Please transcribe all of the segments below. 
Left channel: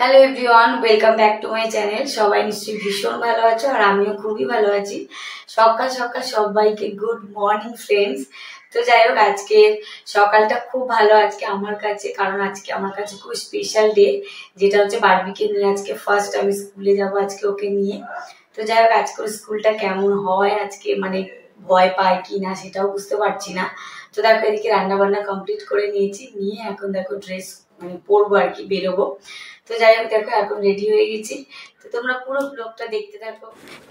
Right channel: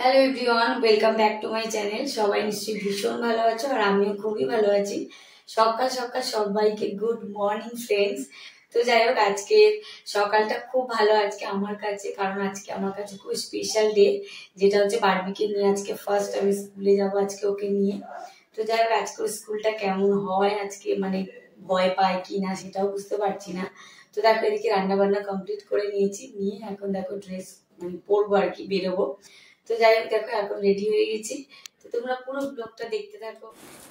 Hello everyone, welcome back to my channel. সবাই নিশ্চয়ই ভীষণ ভালো আছো আর আমিও খুবই ভালো আছি। সকাল সকাল সবাইকে গুড মর্নিং ফ্রেন্ডস। তো যাই হোক, আজকের সকালটা খুব ভালো আজকে আমার কাছে, কারণ আজকে আমার কাছে খুব স্পেশাল ডে, যেটা হচ্ছে বারবিকে নিয়ে আজকে ফার্স্ট আমি স্কুলে যাবো আজকে ওকে নিয়ে। তো যাই হোক, আজকের স্কুলটা কেমন হয় আজকে, মানে ভয় পায় কি না সেটাও বুঝতে পারছি না। তো দেখো, এদিকে রান্না বান্না কমপ্লিট করে নিয়েছি, নিয়ে এখন দেখো ড্রেস মানে পরবো আর কি, বেরোবো। তো যাই হোক, দেখো এখন রেডি হয়ে গেছি। তো তোমরা পুরো ব্লগটা দেখতে থাকো।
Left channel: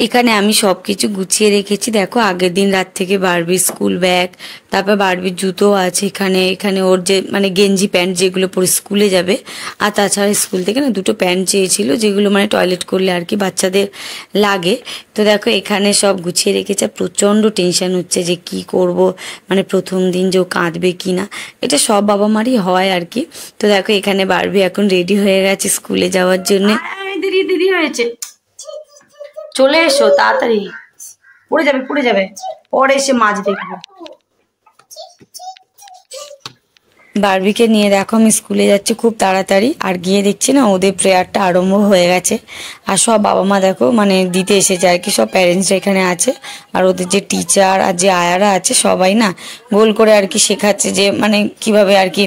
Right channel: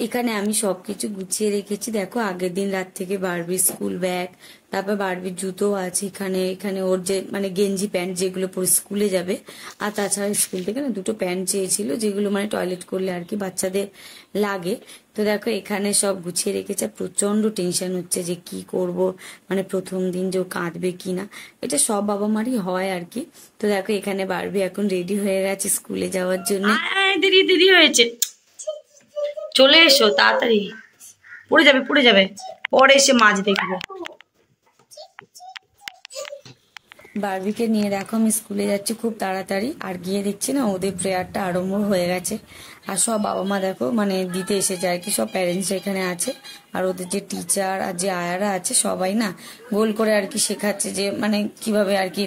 এখানে আমি সবকিছু গুছিয়ে রেখেছি। দেখো, আগের দিন রাত থেকে বারবির স্কুল ব্যাগ, তারপর বারবির জুতো আছে এখানে, এখানে ওর যে মানে গেঞ্জি প্যান্ট যেগুলো পরে স্কুলে যাবে, আর তাছাড়া স্কুল থেকে না দুটো প্যান্ট চেয়েছিল, যেগুলো মানে টয়লেট করলে আর কি বাচ্চাদের লাগে। তো দেখো এখানে সব গুছিয়ে রেখেছে। প্রচণ্ড টেনশন হচ্ছে যে কি করব, মানে প্রথম দিন যে ও কাঁদবে কি না, এটা সব বাবা মারই হয় আর কি। তো দেখো এখানে বারবি এখন রেডি হয়ে গেছে স্কুলে যাওয়ার জন্য। দেরি দেরি হয়েছে, চলে এসো তাড়াতাড়ি, পড়ে যাবে পড়ে যাবে, পরে এসে মাছ দেখবে। বারবিকে নিয়ে দেখো আমি স্কুলে যাচ্ছি খুব তাড়াতাড়ি, আর গিয়ে দেখছি না ওদের প্রেয়ারটা আরম্ভ হয়ে গেছে। আর সব বাবা মা দেখো মানে দিতে এসেছে আর কি, সব প্যারেন্টসরা এখানে আছে। আর ওদের যে টিচার আর যে আয়ারা আছে সবাই না গোল করে আর কি শেখাচ্ছে যে মানে কিভাবে আর কি,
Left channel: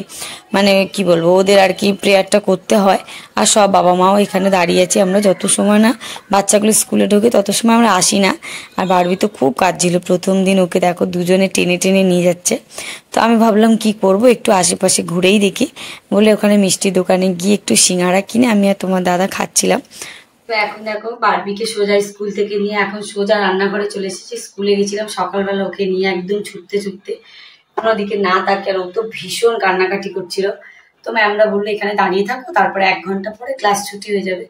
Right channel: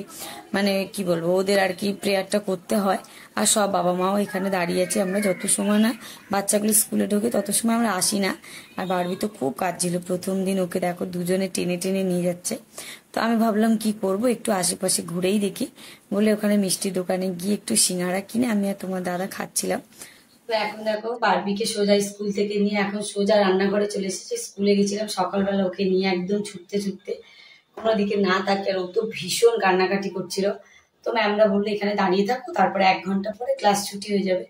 মানে কি বলবো, ওদের আর কি প্রেয়ারটা করতে হয়। আর সব বাবা মাও এখানে দাঁড়িয়ে আছে। আমরা যত সময় না বাচ্চাগুলো স্কুলে ঢোকে তত সময় আমরা আসি না। আর বারবি তো খুব কাঁদছিল প্রথম দিন, ওকে দেখো দুজনে টেনে টেনে নিয়ে যাচ্ছে। তো আমি ভাবলাম কি করব, একটু আশেপাশে ঘুরেই দেখি বলে ওখানে মিষ্টির দোকানে গিয়ে একটু সিঙ্গারা কিনে আমি আর তোমার দাদা খাচ্ছিলাম। তো এখন দেখো বারবিকে সোজা স্কুল থেকে নিয়ে এখন সোজা রান্নাঘরে চলে এসেছি। স্কুলে গেছিলাম সকালবেলা ওকে নিয়ে, একদম ছুটতে ছুটতে, কোনো দিকে না তাকিয়ে। আর ও তো ভীষণ কান্নাকাটি করছিল। তো ম্যামরা বললো এখানে দাঁড়িয়ে থাকো, তারপরে 1 ঘন্টা পরে ক্লাস ছুটি হয়ে যাবে।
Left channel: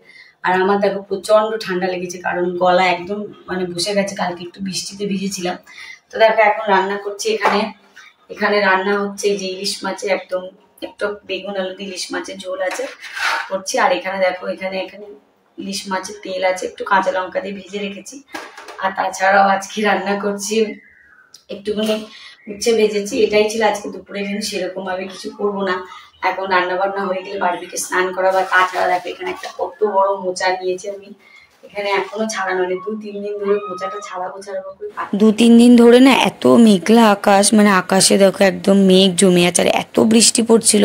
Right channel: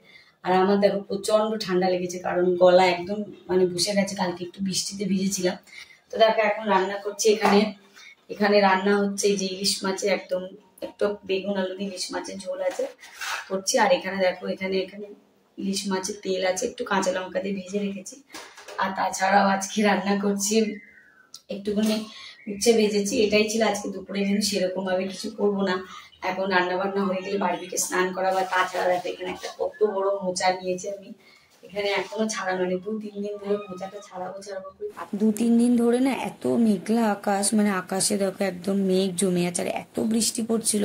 আর আমার দেখো প্রচন্ড ঠান্ডা লেগেছে, কারণ গলা একদম মানে বসে গেছে, কালকে একটু বৃষ্টিতে ভিজেছিলাম। তো দেখো এখন রান্না করছি এখানে। এখানে রান্না হচ্ছে যে ইলিশ মাছের একদম একটু বেগুন আলু দিয়ে ইলিশ মাছের ঝোল আছে করছি। আর এখানে দেখো এখানে এখানে ইলিশ মাছের তেল আছে, একটু কাঁচা লঙ্কা দিয়ে ভেজে রেখেছি। আর তাছাড়াও আজকে রান্না করছি একটুখানি উচ্ছে ভেজেছি, এটাই ছিল আজকে দুপুরে মেনু। সেরকম ভাবে কিছু করবো না। এখন রান্না বান্না হয়ে গেলে বারবিকে স্নান করা, বা তাছাড়া দেখো এখানে একটা কত বড় মোচা নিয়েছি আমি, এখানে এখনো ছাড়ানো নেই। 2-3 দিন ধরে মোচাটা ছাড়াবো ছাড়াবো করে 2-3 দিন ধরে না এত মেঘলা আকাশ, মানে আকাশে দেখো একদম মেঘ জমে আছে। আর এত বৃষ্টি পড়ছিল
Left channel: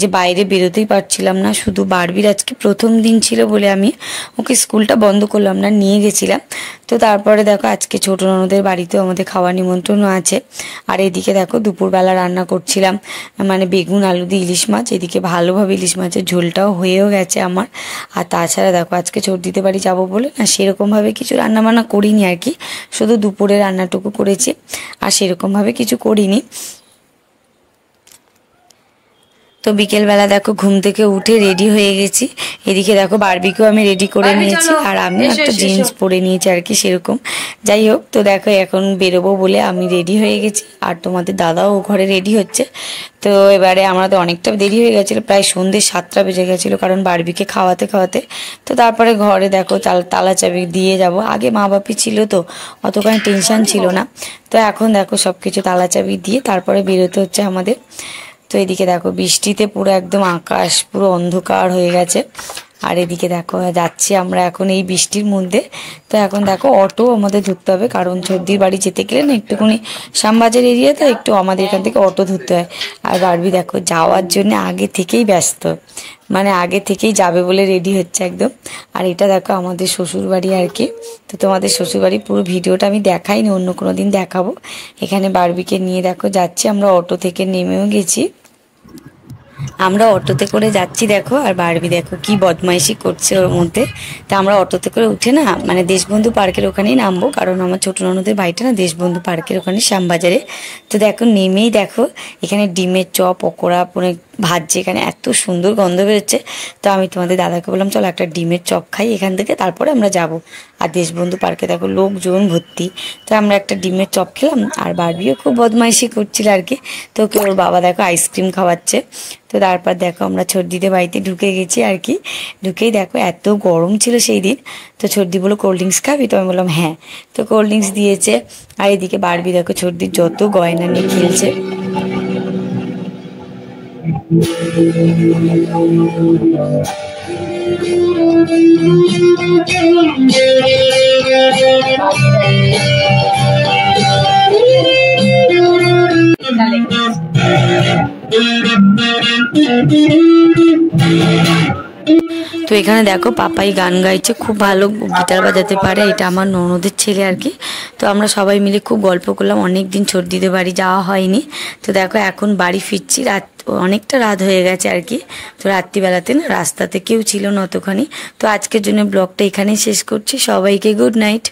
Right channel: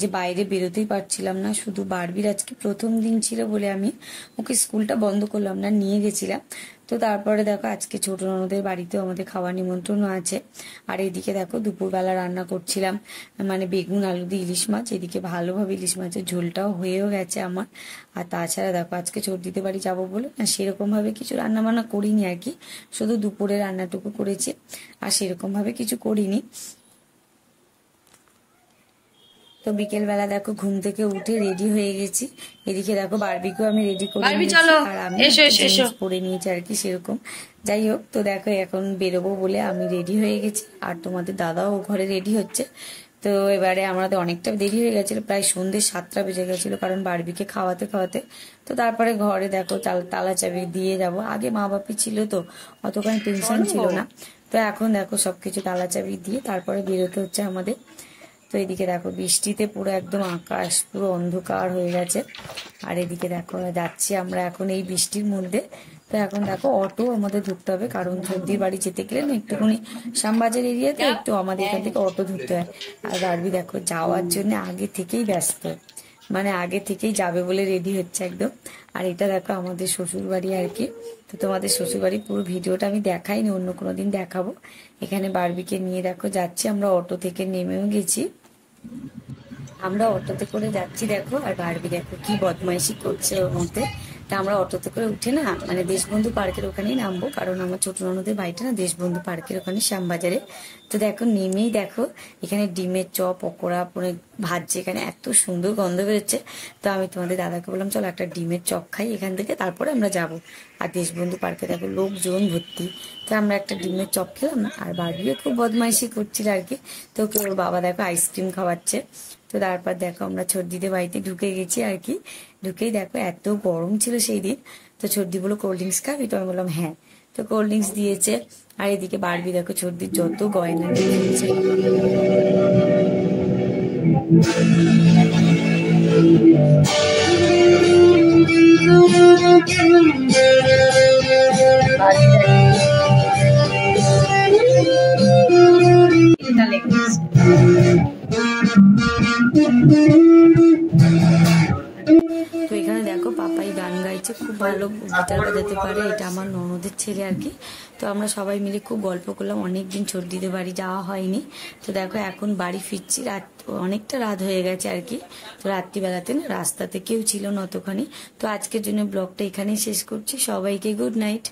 যে বাইরে বেরোতেই পারছিলাম না। শুধু বারবির আজকে প্রথম দিন ছিল বলে আমি ওকে স্কুলটা বন্ধ করলাম না, নিয়ে গেছিলাম। তো তারপরে দেখো আজকে ছোট ননদের বাড়িতেও আমাদের খাওয়ার নিমন্ত্রণও আছে। আর এদিকে দেখো দুপুরবেলা রান্না করছিলাম মানে বেগুন আলু দিয়ে ইলিশ মাছ। এদিকে ভালোভাবে ইলিশ মাছের ঝোলটাও হয়েও গেছে আমার। আর তাছাড়া দেখো আজকে দিতে বাড়ি যাবো বলে না সেরকমভাবে কিছু রান্নাবান্না করিনি আর কি, শুধু দুপুরে রান্নাটুকু করেছি, আর সেরকমভাবে কিছু করিনি। তো বিকেলবেলা দেখো ঘুম থেকে উঠে রেডি হয়ে গেছি। এদিকে দেখো বারবিকেও আমি রেডি করে নিয়েছি, আর আমি একটা জিন্স পরে নিয়েছি আর কি সেরকম। যাই হোক, তো দেখো এখন বেরোবো বলে আমি রেডি হয়ে গেছি, আর তোমাদের দাদাও ঘরে রেডি হচ্ছে। তো এবারে আমাদের অনেকটা দেরি হয়ে গেছিলো, প্রায় সন্ধ্যে 7টা বেজে গেছিলো, কারণ বারবিকে খাওয়াতে খাওয়াতে। তো তারপরে ঘরে দেখো তালা চাবি দিয়ে যাব। আগে মা বাপি ছিল তো অতখানি টেনশন ছিল না। তো এখন দেখো সব কিছু তালা চাবি দিয়ে তারপরে বেরোতে হচ্ছে আমাদের। তো এদিকে দেখো বৃষ্টিতে পুরো একদম আকাশ পুরো অন্ধকার হয়ে গেছে। আর এদিকে দেখো যাচ্ছি আমরা এখন এই বৃষ্টির মধ্যে। তো এখন দেখো অটো আমাদের ধরতে হবে, কারণ সর্দির বাড়ি যেতে গেলে না একটুখানি শ্যামবাজার এরিয়াতে একটু আমাদের এখান থেকে অটো ধরতে হয়। আর বারবি দেখো যাওয়ার জন্য আগে থেকেই ব্যস্ত, মানে আগে থেকেই যাবে বলে রেডি হচ্ছে একদম। আর এটা দেখো আমাদের শ্বশুর বাড়ি আর কি। তো তোমাদের শ্বশুর বাড়ির পুরো ভিডিওটা আমি দেখাইনি, অন্য কোনো দিন দেখাবো। এখানে বারবিকে নিয়ে দেখো যাচ্ছি আমরা, অটো থেকে নেমেও গেছি। আমরা অটোতে করে যাচ্ছি দেখো, আর বারবি দেখো কি বদমাইশি করছে ওর মধ্যে। তা আমরা অটোতে করে উঠে না মানে দেশবন্ধু পার্কের ওখানেই নামবো, কারণ আমার ছোট ননদের বাড়িটা না দেশবন্ধু পার্কের ওখানে শ্যামবাজারে। তো দেখো নেমেই দেখো এখানে ডিমের চপ পকোড়া মানে ভাজছে, এখানে এত সুন্দর গন্ধ বেরোচ্ছে। তো আমি তোমাদের দাদাকে বললাম চলো একটা ডিমের চপ খাই এখান থেকে, তারপরে আমরা যাব। আর দেশবন্ধু পার্কে দেখো লোকজন ভর্তি। তো আমরা একটা ডিমের চপ খেলাম, আর বারবিও খুব বদমাইশি করছিল আর কি। তো ওকে ওর বাবা দেখো আইসক্রিম খাওয়াচ্ছে। তো তারপর দেখো আমরা ছোটদিদের বাড়িতে ঢুকে গেছি আর কি। ঢুকেই দেখো এত গরম ছিল সেই দিন। তো ছোটদি বলো কোল্ড ড্রিঙ্কস খাবি? তো আমি বললাম হ্যাঁ। তো কোল্ড ড্রিঙ্কস দিয়েছে। আর এদিকে বারবি দেখো ছোটদির যত গয়না নিয়ে খেলছে। তো এখানে দেখো পাপাই গান গাইছে, খুব ভালো গিটার বাজাতে পারে। এটা আমার ননদের ছেলে আর কি। তো আমরা সবাই মিলে খুব গল্প করলাম, অনেক দিন ছোটদিদের বাড়ি যাওয়া হয়নি। তো দেখো এখন বাড়ি ফিরছি, অনেকটা রাত হয়ে গেছে আর কি। তো রাত্রিবেলাতে না রাস্তাতে কেউ ছিল না অতখানি। তো আজকের জন্য ব্লগটা এখানেই শেষ করছি। সবাইকে গুড নাইট।